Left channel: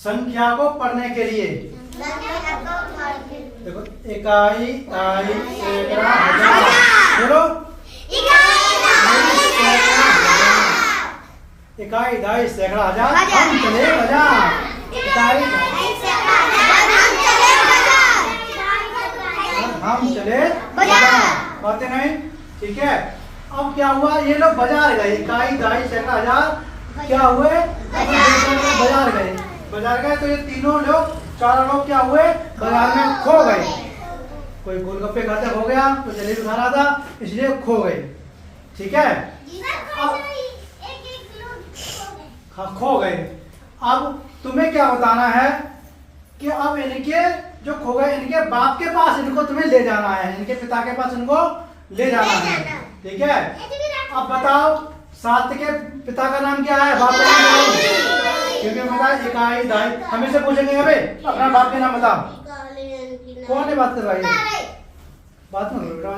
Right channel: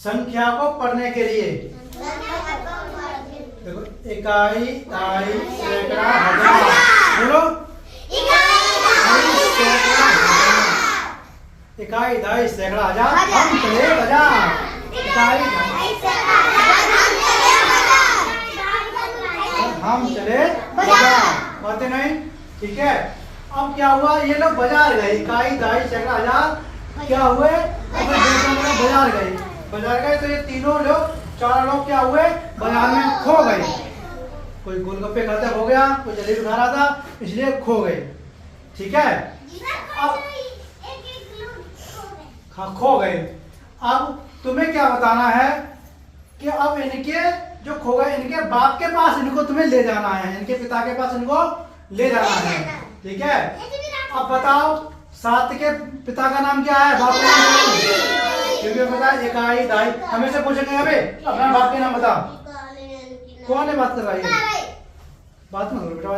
संख्या को पढ़ने के लिए। देखो इकाई, दाई, सैकड़ा, हजार। बोलो इकाई, दाई, सैकड़ा, हजार। हम चले बाजार। इकाई, हम चले बाजार। बातें नहीं, ठीक है। अब क्या हुआ, ये लोग बाजार गए। इकाई, दाई, सैकड़ा, हजार क्या हुए, बाजार गए। बाजार गए तो ये तीनों लोग, चारों लोग क्या हुए, बाजार में खो गए। कोई गोलगप्पे खाते हो गया, कोई जलेबी खा रहा था, इसलिए खो गए। ठीक है, अब खो गए। अब तुम्हें क्या बताना है कि अब इनके जो खो गए, इनके बाप के पास इनको तुम्हें ले जाना है, इनके पिता के पास इनको ले जाना है। ठीक है, अब बताओ सात के पिता का नाम क्या है, बाप का नाम क्या है? क्योंकि बताया इकाई, दाई, हमें से पूछेंगे अबे अपना बाप के नाम बता। कौन है बात कर रहा है, बात मत करो बेटा।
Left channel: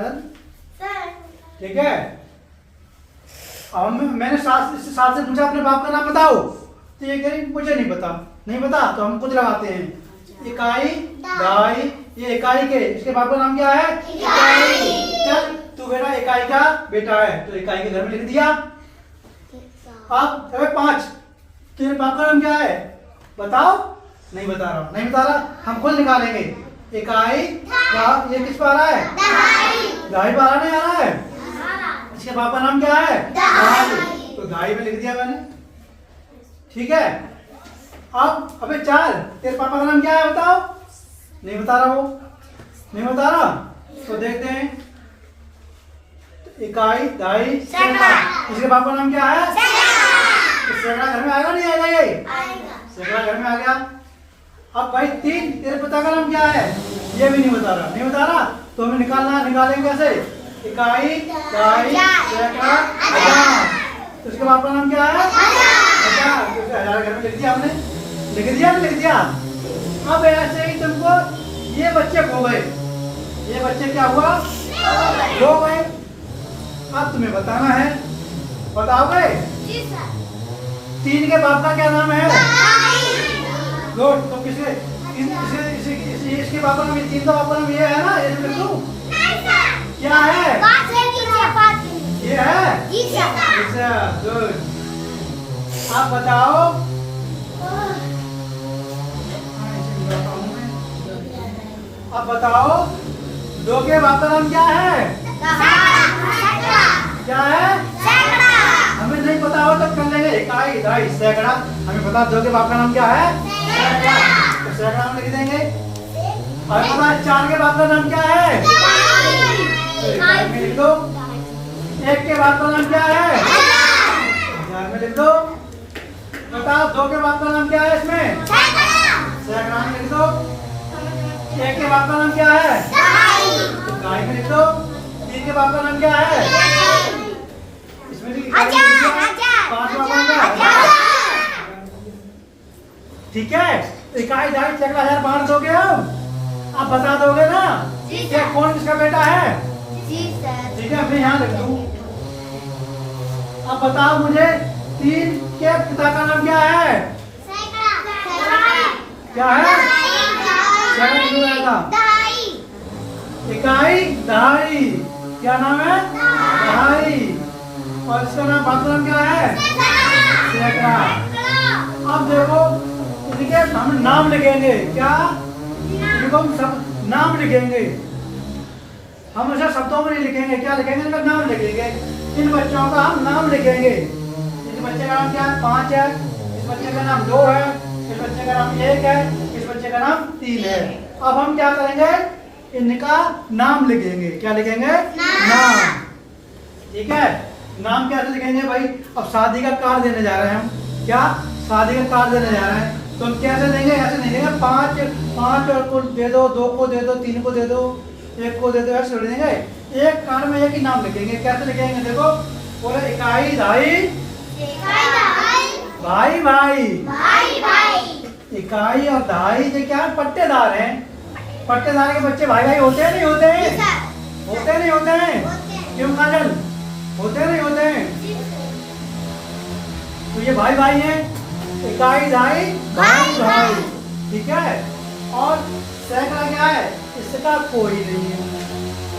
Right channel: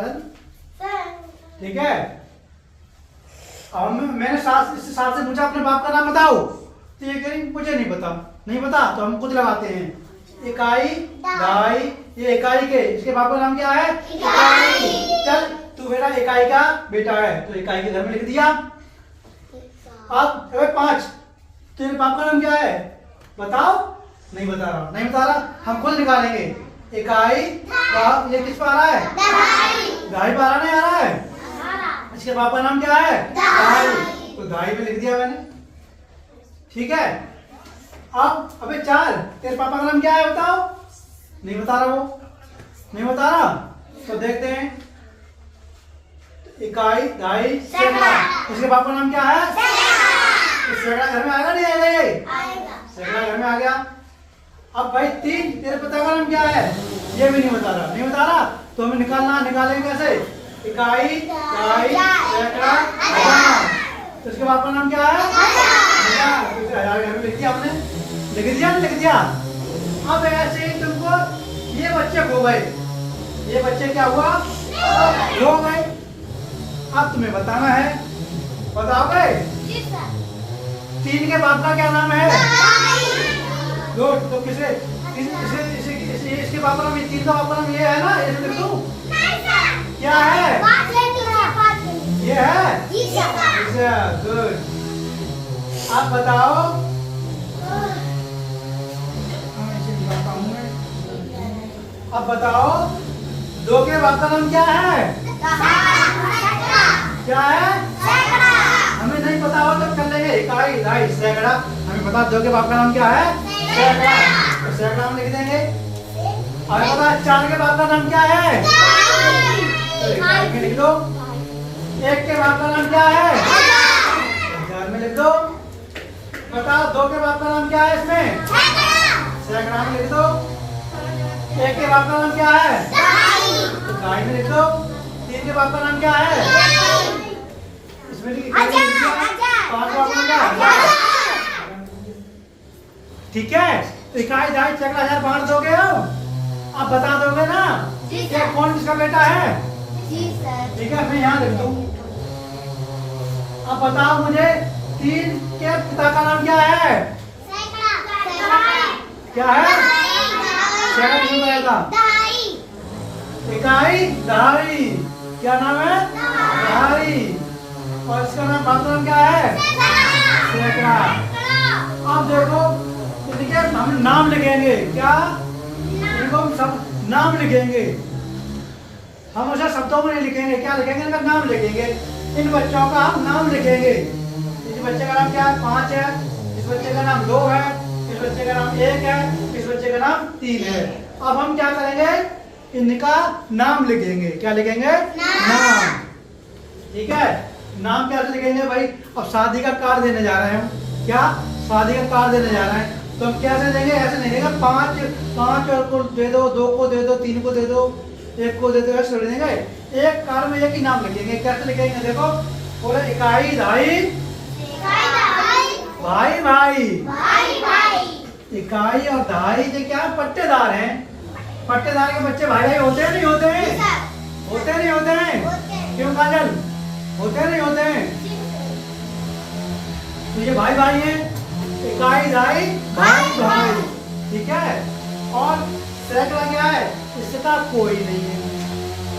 ठीक है, अब मैंने साथ से पूछा अपने बाप का नाम बताओ, तो ये कह रही मुझे नहीं पता। नहीं पता तो हम खुद लगाते हैं। इकाई, दाई, ये इकाई के, इसके बाप का नाम क्या है, इकाई। चल तू बेटा इकाई का बेटा है, तो इकाई के घर में लिख दिया। अब 5, तेरे बाप का नाम क्या है बताओ। नहीं बता रहा, नहीं बता रहा, हम खुद निकालेंगे। इकाई, ये किस पर आ रहा है, दाई पर आ रहा, नहीं आ रहा है। इसके बाप का नाम क्या है, दाई, तो दाई में लिख दिया मैंने। ठीक है, अब अबे 4, तेरे पापा का नाम क्या है बताओ। नहीं बता रहा, वो नहीं बता रहा, तो देखते हैं। इकाई, दाई, सैकड़ा, इसके बाप का नाम क्या है, सैकड़ा घर में आएगा नहीं आएगा, ये सैकड़ा घर में आ गया। अब भाई 3, तेरे पिता का नाम क्या है, ये भी नहीं बता रहा, नहीं बता रहा, तो हमें निकालेंगे कैसे। इकाई, दाई, सैकड़ा, हजार, तो इसके बाप का नाम क्या है, हजार, तो हजार घर में लिख दिया हमने। लिख दिया, नहीं लिख दिया। अब ऐसे ही तुमको ये बच्चे खो गए, ये बच्चे क्या हुआ, खो गए। अब तुम्हें बताना है, बताओगे। 3 के बाप का क्या नाम है, गुड, तो इसके बाप का नाम, 3 का बाप का नाम ये है ना, ये लिख दूं, क्या है, ये है, गुड। अब बताओ, अब बताओ 2 के बाप का नाम क्या है, क्या है, हमें नहीं पता हो तो कर लेंगे। इकाई, दाई, सैकड़ा, हमें पता 2 के बाप का नाम क्या है, सैकड़ा, तो सैकड़ा में लिख देंगे। हमें पता है 4 के बाप का नाम क्या है, तो इकाई में लिख दो। 1 के बाप का नाम क्या है, हजार में लिख दो। बताओ 2 के बाप का नाम क्या है, इसमें सैकड़ा में लिख दो। 1 के बाप का नाम क्या है, इकाई में लिख दो। 3 के बाप का नाम क्या है, इसमें 5 बाप का नाम क्या है। ठीक है, इकाई, दाई, सैकड़ा, हजार बांट दोगे, अब बता दोगे ना कि कौन किसका बेटा है। ठीक है, मैं यहाँ लिख दूं। अब बताओ मुझे 3 के पिता का नाम क्या है, क्या है, सैकड़ा क्यों आएगा, इकाई, दाई, क्या नाम है, दाई, और इसका नाम बाप का नाम क्या है, सैकड़ा। अब देखो इनके हम नाम लिखेंगे, क्या, इनको हम सब नाम लिखेंगे। हम ऐसा शब्दों में नहीं लिखेंगे, क्या लिखेंगे, इनका नाम लिखेंगे। इन बच्चों का हम नाम लिखेंगे। इस बच्चे का नाम क्या है, 5 है, इस बच्चे का नाम 2 है, इस बच्चे का नाम 1 है, इस बच्चे का नाम 3 है। अब हम क्या करेंगे, इनका नाम लिखेंगे, क्या लिखेंगे, नाम। ठीक है, नाम कैसे लिखेंगे भाई। अब शादी का कार्ड देने जा रहे हैं हम, क्या, शादी का कार्ड देने जा रहे हैं, तो हम कैसे देंगे, ऐसे नहीं देंगे 5 और को दे दो, 2 को दे दो, 3 को दे दो, 1 को दे दो, ऐसे थोड़ी देंगे। एक कार्ड में एक ही नाम लिखेंगे। कैसे लिखेंगे, देखो बोले इकाई, दाई, भाई भाई, इकाई और दाई ये क्या है, पट्टेदार हैं। पट्टेदार के बच्चे भाई भाई होते हैं नहीं होते हैं, होते नहीं होते हैं, क्यों काजल, होते नहीं होते हैं। तो ये भाई भाई हैं, इकाई, दाई, भाई भाई। और सैकड़ा क्या है, इसका कोई नहीं है।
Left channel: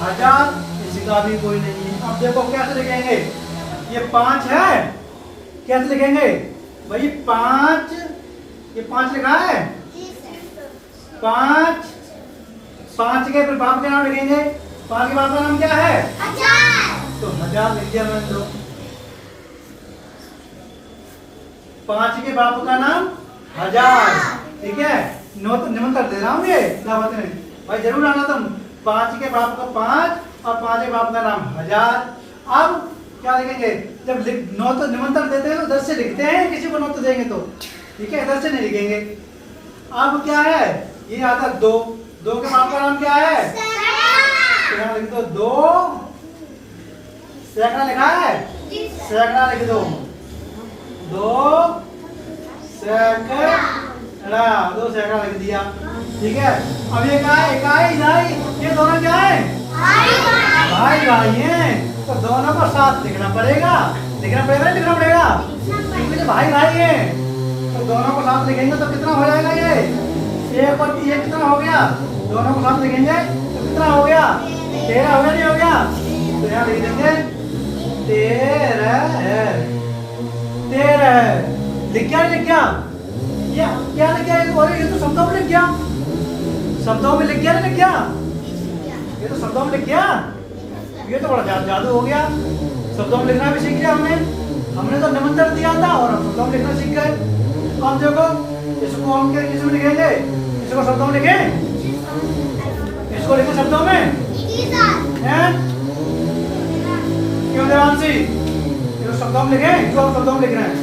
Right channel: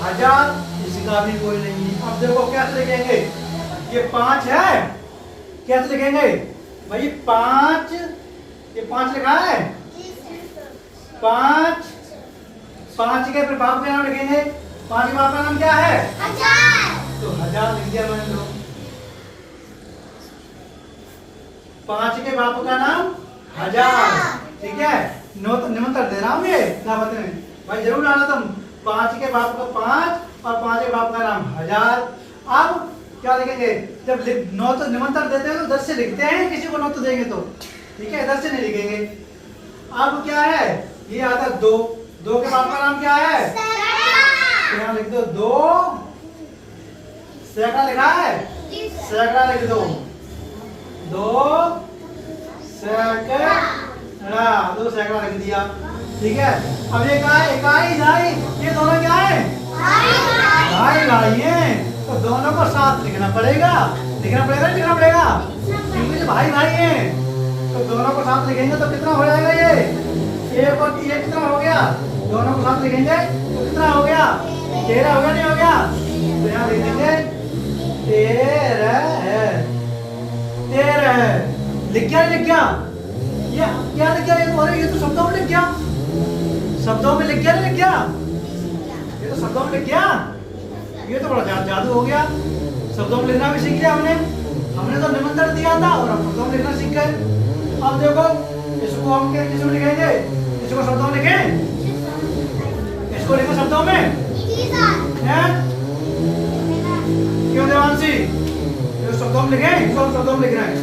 1000 इसका भी कोई नहीं है। अब देखो कैसे लिखेंगे, ये 5 है, कैसे लिखेंगे भाई 5, ये 5 लिखा है 5, 5 के फिर बाप का नाम लिखेंगे। 5 के बाप का नाम क्या है, 1000, तो 1000 लिख दिया मैंने। तो 5 के बाप का नाम 1000, ठीक है। निमंत्रण दे रहा हूँ ये दावत में भाई, जरूर आना तुम। 5 के बाप का 5 और 5 के बाप का नाम 1000। अब क्या लिखेंगे, जब नौ तो निमंत्रण देते हैं तो उधर से लिखते हैं, किसी को नौ तो देंगे तो, ठीक है, इधर से नहीं लिखेंगे। अब क्या है, ये आता 2, 2 के बाप का नाम क्या है, तो यहाँ लिख दो 2, सैकड़ा लिखा है, सैकड़ा लिख दो 2 सैकड़ा, 2 सैकड़ा लिख दिया, ठीक है। अब ये क्या है, इकाई ढाई, ये दोनों क्या है, भाई भाई हैं, तो दोनों को साथ लिखना पड़ेगा, लिखना पड़ेगा नहीं लिखना पड़ेगा, क्योंकि ये भाई भाई हैं, तो दोनों को साथ लिखेंगे तो कितना हो जाएगा, ये 1 और 3 कितना हो गया, दोनों को साथ लिखेंगे तो कितना हो गया, 13 हो गया, नहीं हो गया, तो यहाँ लिख देंगे 13 है, 13 है। लिख गया नहीं लिख गया, ये क्या लिख गया, ये तो शब्दों में लिख गया, शब्दों में लिख गया नहीं लिख गया, ये तो शब्दों में लिख गया, ये तो बड़ा जादू हो गया। शब्दों में लिखना भी सीख लिया हमने तो निमंत्रण दिया था और हम शब्दों में लिखना सीख गए। अब देखो इसको हम किस में लिखेंगे, इसको शब्दों में लिखें, इसको लिखो शब्दों में, हैं क्यों देवांशी, इसको शब्दों में लिखें, इसको शब्दों में लिख रहे हैं,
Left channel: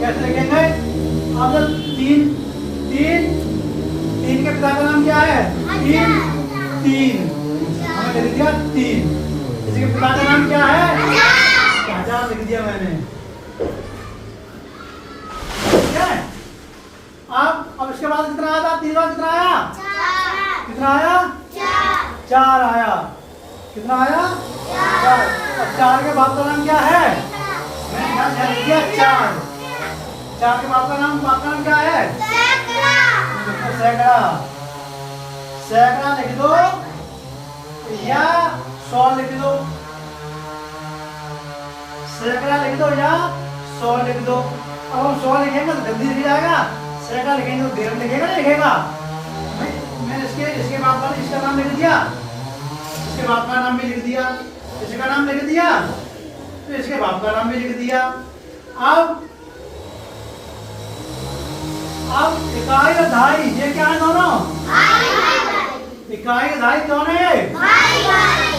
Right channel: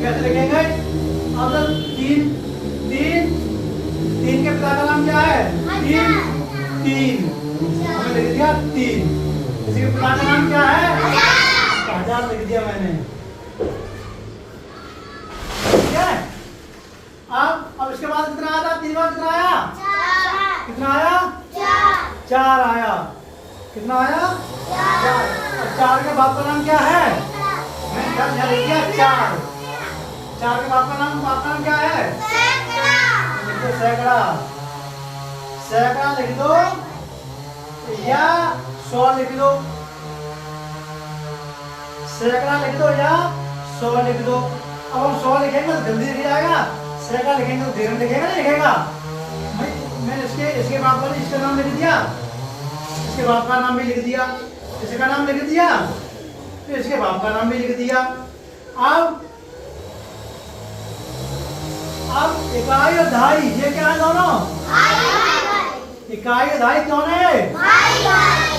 कैसे लिखेंगे। अब 3 के पिता का नाम क्या है, 3 हमने लिख दिया 3, इसके पिता का नाम क्या है, 1000 लिख दिया मैंने, ठीक है। अब इसके बाद कितना आया था, 3 बार कितना आया, कितना आया, 4 आया, कितना आया, 4। अब 4 के बाप का नाम क्या है, मैंने लिख दिया 4 के बाप का नाम क्या है, सैकड़ा, सैकड़ा लिख दो या 100 लिख दो, सैकड़ा लिख दो या 100 लिख दो। अब हम 100 लिखेंगे तो जल्दी लिख जाएगा, सैकड़ा लिखेंगे तो देर में लिखेगा नहीं लिखेगा। मैंने इसके बाप का इसका नाम लिख दिया, इसके बाप का नाम भी लिख दिया, इसका नाम लिख दिया, फिर इसके बाप का नाम भी लिख दिया। अब इकाई और ढाई, ये क्या है दोनों, इकाई और ढाई कौन है,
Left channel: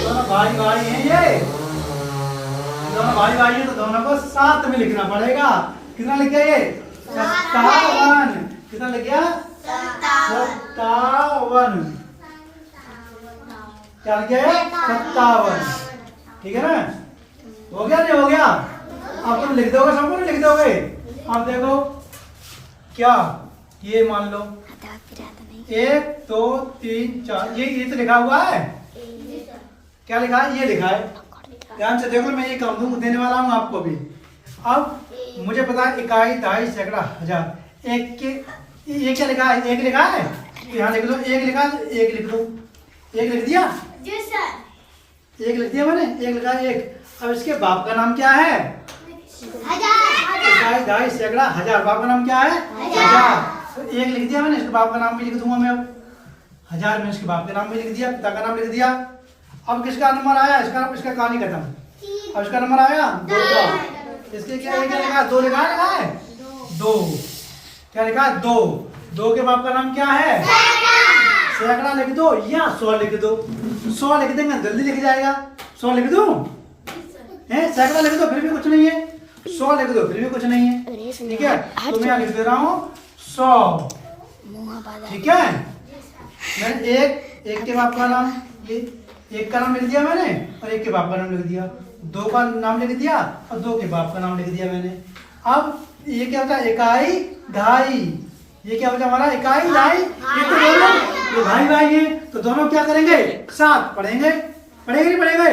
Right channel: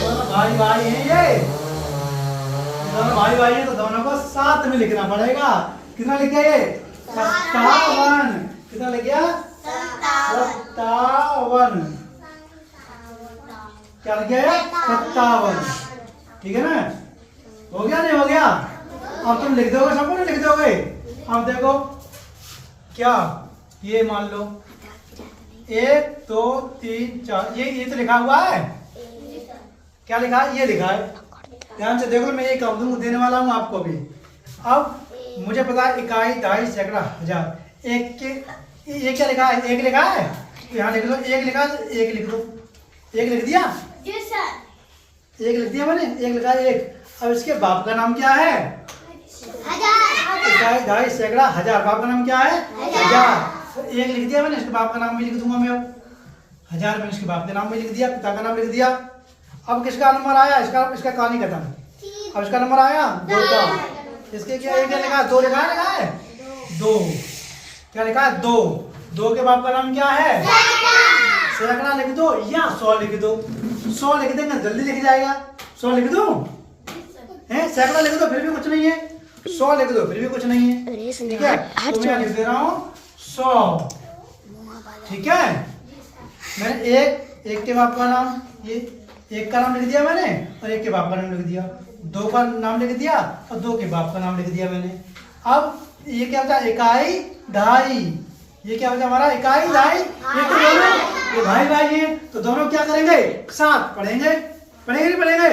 दोनों भाई भाई हैं, ये दोनों भाई भाई हैं, तो दोनों को साथ में लिखना पड़ेगा। कितना लिख गया ये, 57, कितना लिख गया, 57, क्या लिख गया, 57, ठीक है ना, हो गया नहीं हो गया। अब तुम लिख दोगे, सबको नहीं लिख दोगे। अब देखो क्या, ये मान लो 1 2 3 4, ये तो लिखा हुआ है, क्या लिखा है, ये लिखा है, ध्यान से देखो, मैं ये काम दूंगा देने वाला हूँ आपको भी। अब मुझे पता है इकाई ढाई सैकड़ा 1000, एक के ये क्या लिखा है, 1 लिखा है, यहाँ लिख लो 1 लिखा, 1 लिख दो, 1 लिख दिया, 1 लिख दिया मैंने, 1 लिखा 1। अब इसके बाप का नाम क्या है, इकाई ढाई सैकड़ा 1000, बाप का नाम क्या है, 1000, तो 1 लिख दिया मैंने, इसके बाप का नाम भी लिख दूंगा मैं। अब 1000 में इसके बाप का नाम भी लिख दिया, पिता का नाम लिख दिया। अब किसका नंबर आया, इसका कहानी खत्म। अब इसका नंबर आया 2 का, इसके क्या लिखा है, 2 लिखा है, 2 क्या लिखा है, 2 के बाप का नाम क्या है, सैकड़ा लिख दो या 100 लिख दो, 100 लिख देंगे जल्दी लिख जाएगा। 100 लिख दो, सैकड़ा लिख दो फिर भी कुछ नहीं है, 100 लिख दो फिर भी कुछ नहीं है, ठीक है। तो मैं लिख दे रहा हूँ 100, ठीक है। मैं एक के बाप का नाम, ये 1 का नाम लिख दिया मैंने और 1 के बाप का नाम लिख दिया, 2 का नाम लिख दिया और 2 के बाप का नाम लिख दिया मैंने। अब ये क्या होता है, इकाई ढाई, ये क्या होता है हमारा, इकाई ढाई, ये तो दोनों ये भाई भाई है, तो दोनों क्या करेंगे, साथ पढ़ेंगे, पढ़ेंगे नहीं पढ़ेंगे,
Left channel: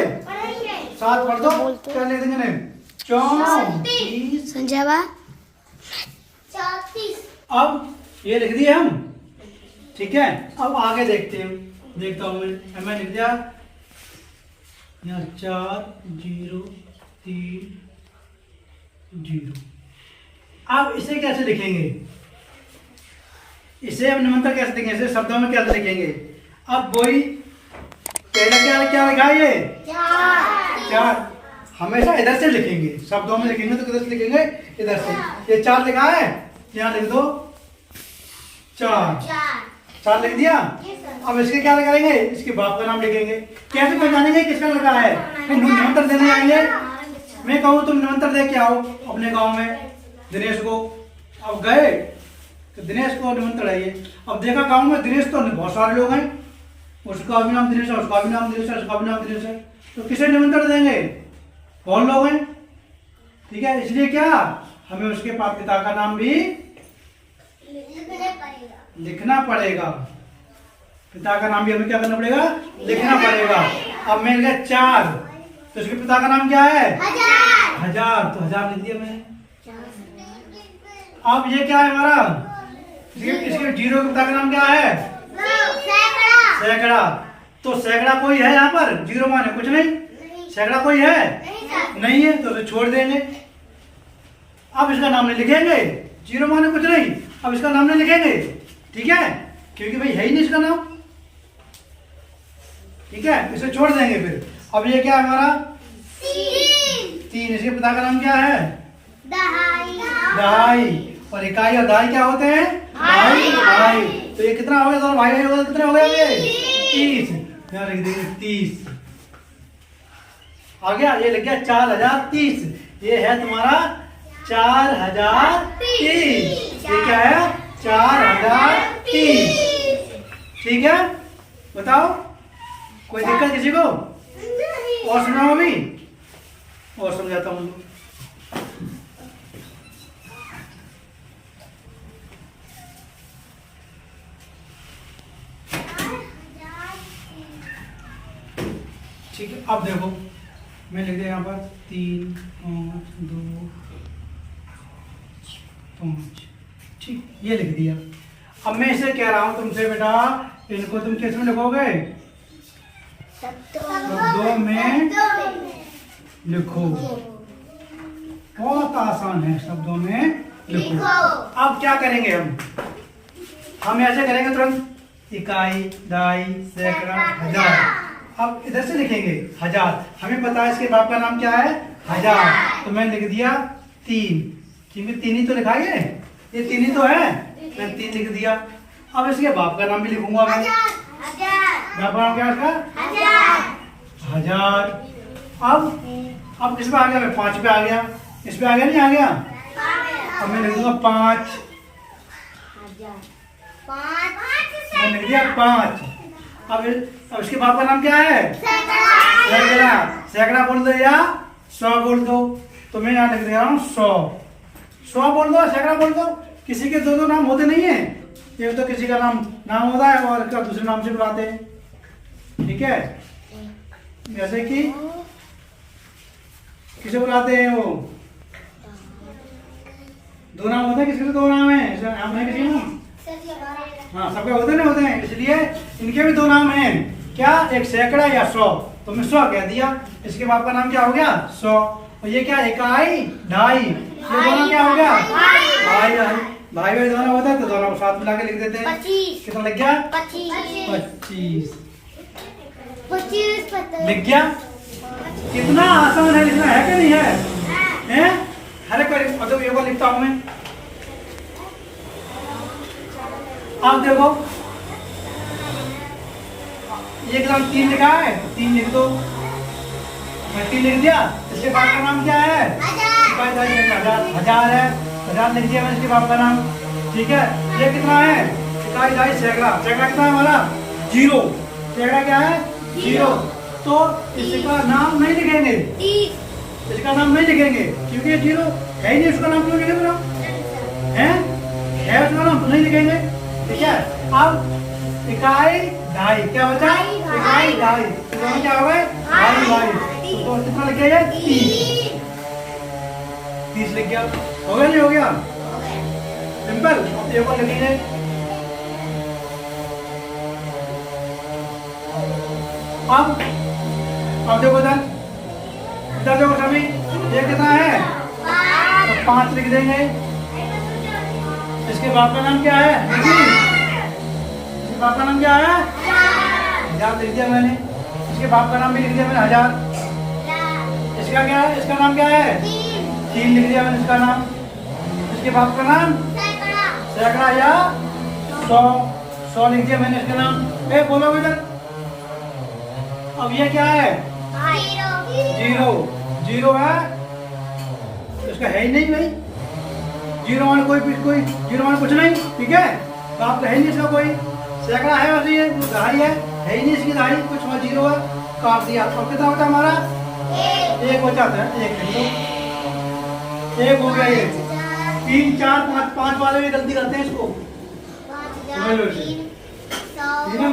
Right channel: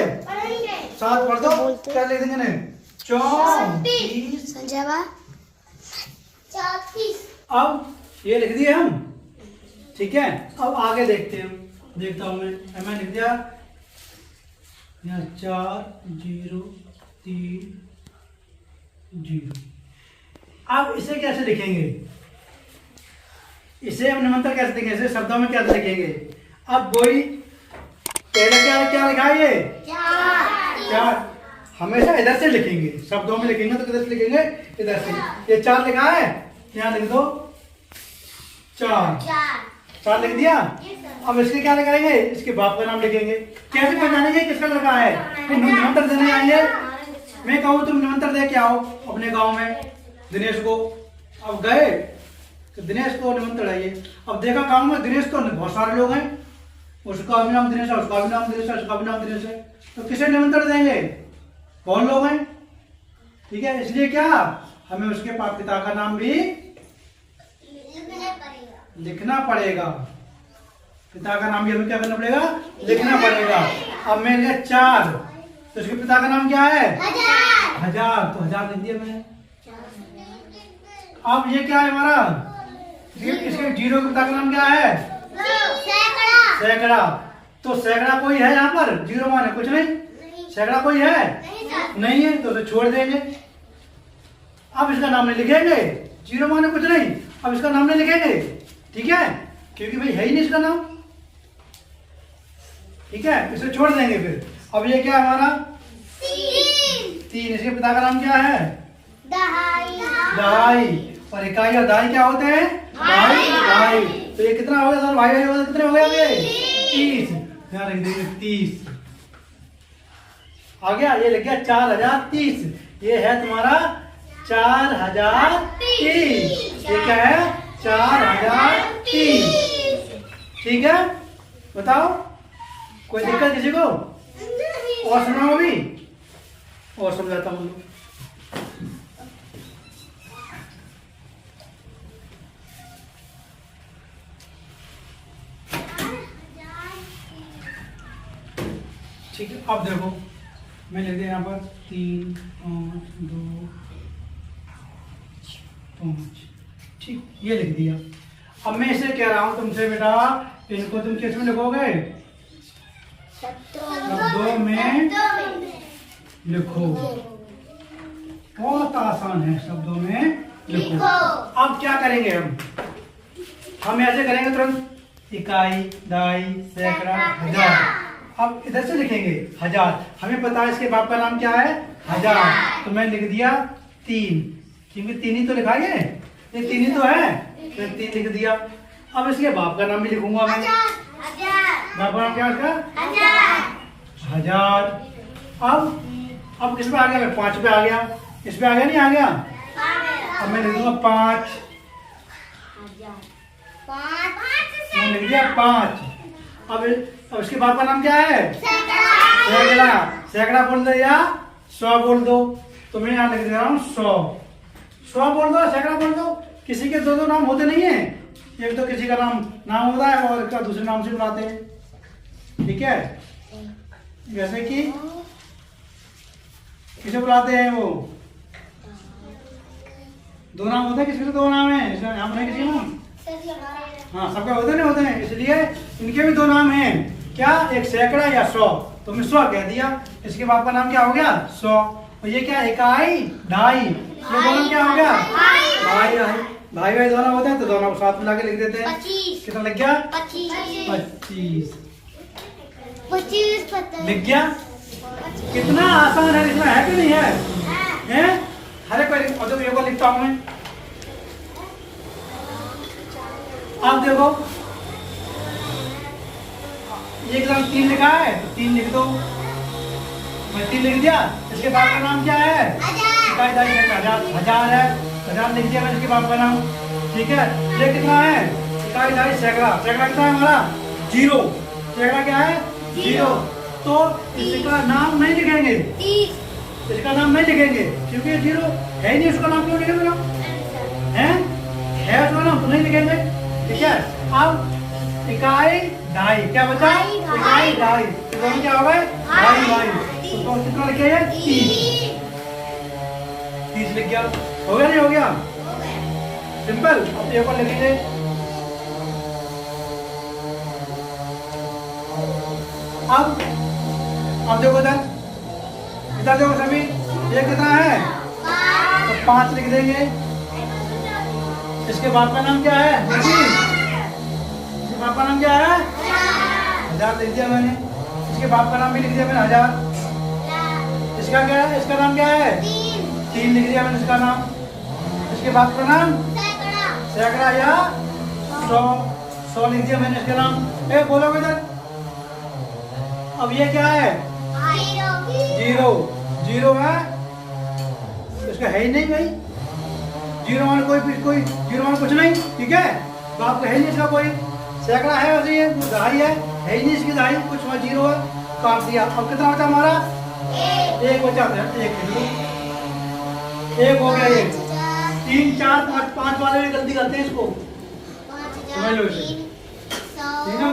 साथ पढ़ दो, क्या लिख देंगे, 34। अब ये लिख दिए हम, ठीक है, अब आगे देखते हैं। देखता हूं मैं लिख दिया यहाँ 4 0 3 0। अब इसे कैसे लिखेंगे? इसे हम निमंत्रण कैसे लिखेंगे? इसे शब्दों में कैसे लिखेंगे? अब वही पहले क्या लिखा है ये 4। हमेशा इधर से लिखेंगे, शब्दों में लिखेंगे तो किधर से लिखेंगे? इधर से। ये 4 लिखा है, यहाँ लिख दो 4 लिख दिया। अब इसके क्या लिखेंगे? इसके बाप का नाम लिखेंगे। कैसे पहचानेंगे किसका लगा है? निमंत्रण देने आएंगे, मैं कहूँ तुम निमंत्रण दे के आओ अपने गांव में दिनेश को। अब गए तो दिनेश को निमंत्रण है ये। अब देखा गांव में दिनेश तो बहुत सारे लोग हैं, उसका भी नाम दिनेश है, उसका भी नाम दिनेश है, उसका भी नाम दिनेश है, तो किसे निमंत्रण देंगे? बहुत लोग हैं, ठीक है। इसलिए क्या हमें उसके पिता का नाम भी लिखना पड़ेगा। पिता का नाम भी हमें क्या करना पड़ेगा? लिखना पड़ेगा। अब मैं लिखा 4, तो उसके पिता का नाम क्या है? 1000, तो 1000 लिख दिया मैंने। अब ये क्या है हमारा? इसके 0 के पिता का नाम क्या है? सैकड़ा। तो सैकड़ा कोई है यहाँ पर? 0 माने कुछ नहीं, सैकड़ा कोई है? नहीं है, तो उसे छोड़ देंगे। अब इसका नाम नहीं लिखेंगे, 0 माने कुछ नहीं, अब इसका नाम नहीं लिखेंगे, ठीक है, क्योंकि भाई है ही नहीं इसका नाम, ठीक है, इसे छोड़ देंगे। फिर अब ये क्या है हमारा? 3। इसके पिता का नाम क्या है? दहाई। और इकाई और दहाई क्या होते हैं? ढाई। तो ये कितना हो गया सर? भाई हो गया, कितने हो गए? अब ये 30। यहाँ लिख देंगे 30 आ गया। ये लग गया 4030। ये है तुम्हारा 4030। ये क्या है? 4030, ठीक है। बताओ कोई दिक्कत किसी को? और सुनाओ अभी, और समझाता हूँ। ठीक है, अब देखो मैं लिख दिया यहाँ पर 3 5 2 5, ठीक, ये लिख दिया। अब मैं इसे कह रहा हूं तुमसे बेटा, इनको तुम किस में लिखोगे? शब्दों में लिखो। बहुत आसान है, शब्दों में लिखो। अब क्या करेंगे हम ऐसे करेंगे तुरंत। इकाई, दहाई, सैकड़ा, 1000। अब इधर से लिखेंगे 1000। हमें पता है इसके बाप का नाम क्या है? 1000। तो मैंने लिख दिया 3, क्योंकि 3 ही तो लिखा है, ये 3 ही तो है, तो 3 लिख दिया। अब इसके बाप का नाम भी लिखूंगा मैं। बाप का नाम क्या है? 1000। अब किस पे आ गया? मैं 5 पे आ गया। इस पे आ गया, नहीं आ गया? अब मैं लिख दूंगा 5। मैं लिख दिया 5। अब इसके बाप का नाम क्या है? सैकड़ा। सैकड़ा बोल दो या 100 बोल दो। तो मैं यहाँ लिख दे रहा हूँ 100 बोल दो, सैकड़ा बोल दो। किसी के 2 नाम होते नहीं है, ये तो किसी का नाम होता है और इसका दूसरे नाम से बुलाते हैं, ठीक है। जैसे कि किसे बुलाते हैं वो? 2 नाम होते हैं, किसी के 2 नाम है, नाम नहीं किसी नाम? हाँ, सबके होते हैं, इसलिए इनके भी 2 नाम हैं। क्या? एक सैकड़ा या 100। तो मैं 100 कह दिया। इसके बाप का नाम क्या हो गया? 100। और ये क्या? इकाई, ढाई। ये दोनों क्या हो गया? भाई दोनों होते हैं, तो दोनों को साथ मिला के लिख देते हैं। कितना लग गया? 25 लिख गया। कितना आसान है लिखना, है कि नहीं है? हर एक को लिखता हूं मैं। आप देखो ये एकदम 3 लिखा है, 3 लिख दो। मैं 3 लिख दिया। इसके बाप का नाम क्या है? 1000 है, 1000 लिख दिया मैंने इसके बाप का नाम, ठीक है। ये कितना है? इकाई, ढाई, सैकड़ा। सैकड़ा कितना है हमारा? 0। सैकड़ा क्या है? 0। तो इसका नाम नहीं लिखेंगे, इसका नाम नहीं लिखेंगे, क्योंकि 0 है ही नहीं। उसका नाम क्यों लिखेंगे? है उसका नाम, तो नहीं लिखेंगे, ठीक है। अब इकाई, ढाई, क्या बचा? इकाई, ढाई, तो दोनों क्या हो गए? ढाई। तो कितना लिख गया? 30 लिख गया। हो गया नहीं हो गया? सिंपल। अब एक और लिखेंगे अब देखो इधर देखो सभी, ये कितना है? तो 5 लिख देंगे। इसके बाप का नाम क्या है? इसके बाप का नाम क्या है? 1000 लिख दिया मैंने। इसके बाप का नाम भी लिख दिया मैंने, 1000। इसका क्या है? इसका नाम क्या है? 3 लिख दिया मैंने इसका नाम। इसके बाप का नाम सैकड़ा या 100 लिख दिया मैंने इसका नाम। बोलो इधर। अब ये क्या है? 0 है, इसका है ही नहीं भाई। 0 मान कोई 0 मान कुछ नहीं, ठीक है। बाप का है ही नहीं इसका कोई। सैकड़ा है वैसे, ये दहाई है ही नहीं इसकी दहाई, कुछ 0 है, काट दिया। अब कितना बचा हमारा? 1 बचा है, 1 लिख लो। 1 हो गया ये। 3 4 5 वाले भी गलती करते हैं इसको, समझ लो इसे।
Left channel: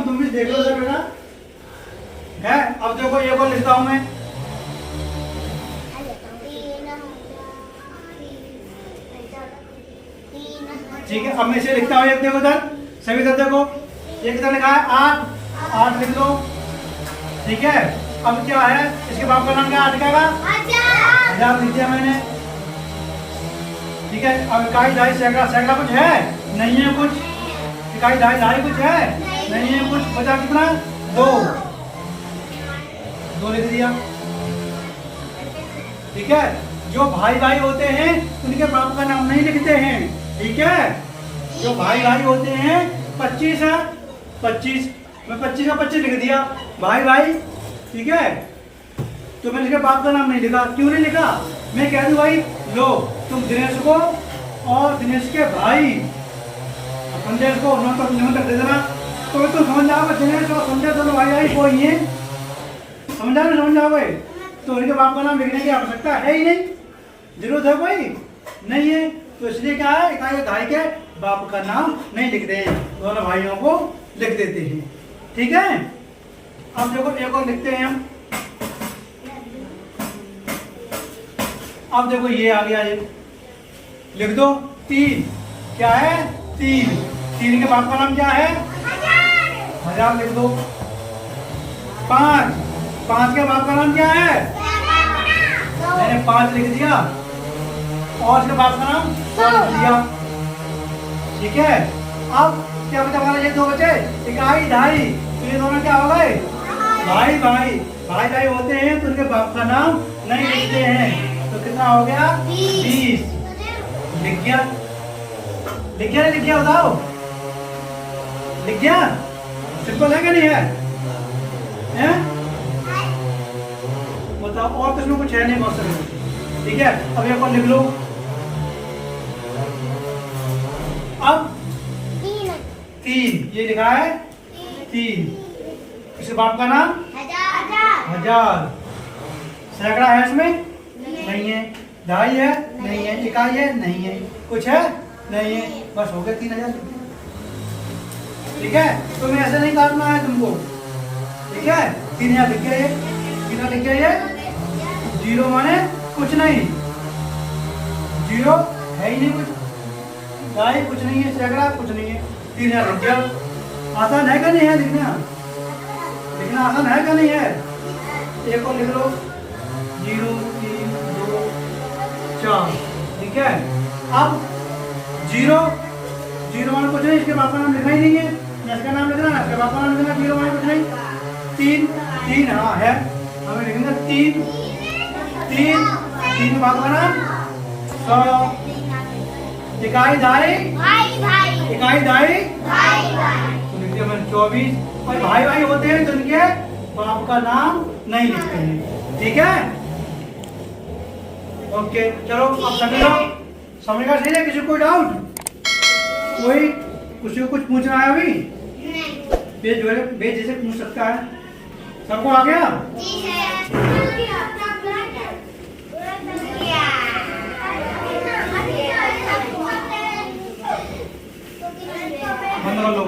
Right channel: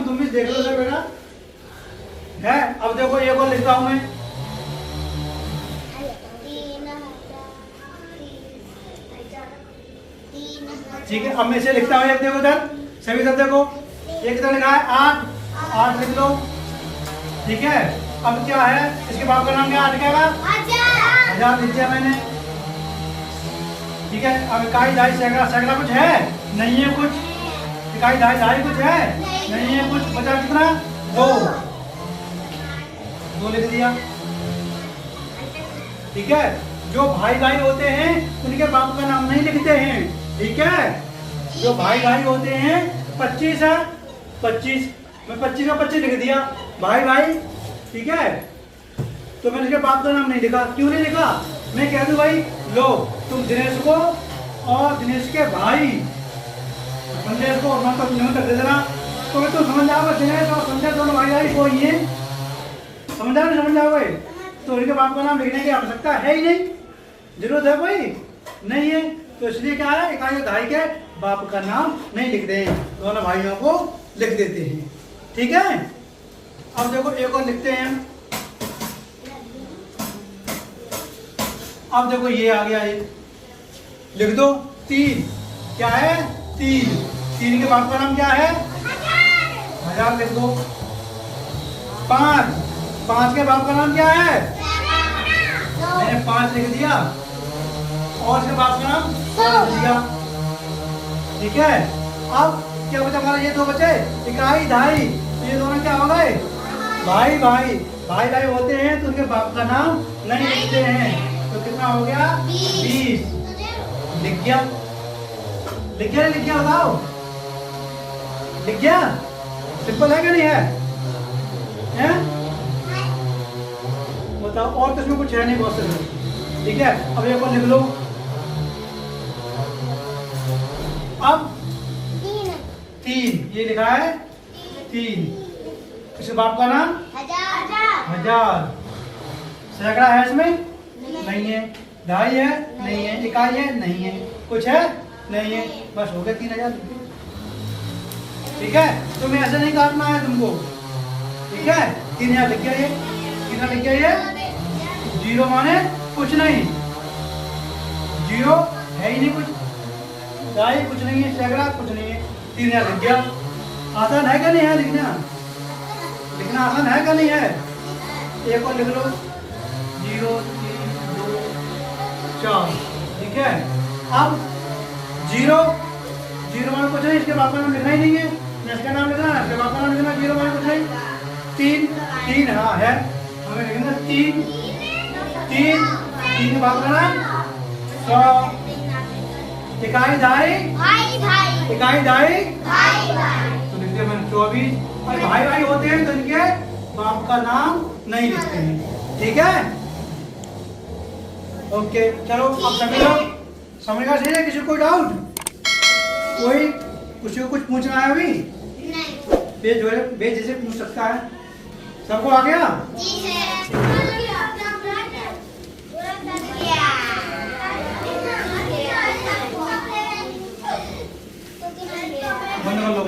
तुम भी देख लो सर बेटा है। अब देखो ये को लिखता हूं मैं, ठीक है। अब मैं इसे लिखता हूँ, देखो इधर सभी इधर देखो, ये कितना लिखा है? 8 लिख लो, ठीक है। अब क्या है? इसके बाप का नाम क्या? 8 का 1000 लिख दिया मैंने, ठीक है। अब इकाई दहाई सैकड़ा कुछ है? नहीं है कुछ। इकाई दहाई कुछ है? नहीं है कुछ। बचा कितना? 2 लिख दिया, ठीक है। जो भाई होते हैं उनके बाप का नाम नहीं लिखते हैं, ठीक है। जो भाई होते हैं 25 है, 25 मैं 25 का 25 लिख दिया भाई, ठीक है। तो मैंने इसके बाप का नाम नहीं लिखा। क्यों नहीं लिखा? मैं कह दूं भाई लो तुम दिनेश को और दिनेश के भाई संदेश को निमंत्रण दे देना, तो तुम समझ जाओगे दिनेश और संदेश दोनों भाई को ही है, समझ जाओगे। तो उनके बाप का नाम लिखने की आवश्यकता है ही नहीं, जरूरत है कोई नहीं है। तो इसलिए क्या है, इकाई दहाई के बाप का नाम नहीं लिखते हैं, दोनों भाइयों को लिख देते हैं, ठीक है। अब देखो एक और लिखते हैं हम। अब देखो ये आ गया, ये लिख दो 3। क्या है? 3 के बाप का नाम क्या है? 1000 लिख दो। 5 के बाप का नाम क्या है? मैंने 5 लिख दिया, और इसके बाप का नाम 100 लिख दिया, ठीक है। अब क्या बचा हमारा? ये 2 बचे, इकाई दहाई। तो ये दोनों क्या हो गए? भाई होते हैं तो उनके बाप का नाम नहीं लिखते हैं। तो कितना हो गया? 20 लिख गया बताओ, लिख गया। सिंपल है कि नहीं है? बताओ, और तो इसमें कुछ है नहीं, बहुत सारे, ठीक है। अब एक और लिख लो। अब 3 ये लिखा है 3, इसके बाप का नाम 1000। सैकड़ा है इसमें? नहीं है। दहाई है? नहीं है। इकाई है? नहीं है। कुछ है? नहीं है। बस हो गया 3000, ठीक है। तुम्हें ऐसे नहीं काटना है तुमको, ठीक है। 3000 लिख गया, ये कितना लिख गया? ये 0 माने कुछ नहीं, 0 है ही नहीं कुछ, दहाई कुछ नहीं है, सैकड़ा कुछ नहीं है। 3000 लिख गया। आसान है क्या नहीं है? लिखना आसान है क्या नहीं है? एक और लिख लो, 0 3 2 4, ठीक है। अब 0 माने कुछ नहीं, इसके बाप का नाम लिखना ही नहीं है, इसका नाम लिखना, इसके बाप का नाम लिखना। 0 माने कुछ नहीं। 3 हाँ है, हमें लिखना 3 के बाप का नाम 100। इकाई दहाई तो लिखते हैं 24। और भाई होते हैं तो उनके बाप का नाम नहीं लिखते हैं, ठीक है। ओके चलो, अब सभी लोग समझ गए? सही है? किसी को डाउट? कोई कुछ पूछना है अभी? बेझिझक जैसे पूछ सकता है। सबको आ गया? बंद कर लो।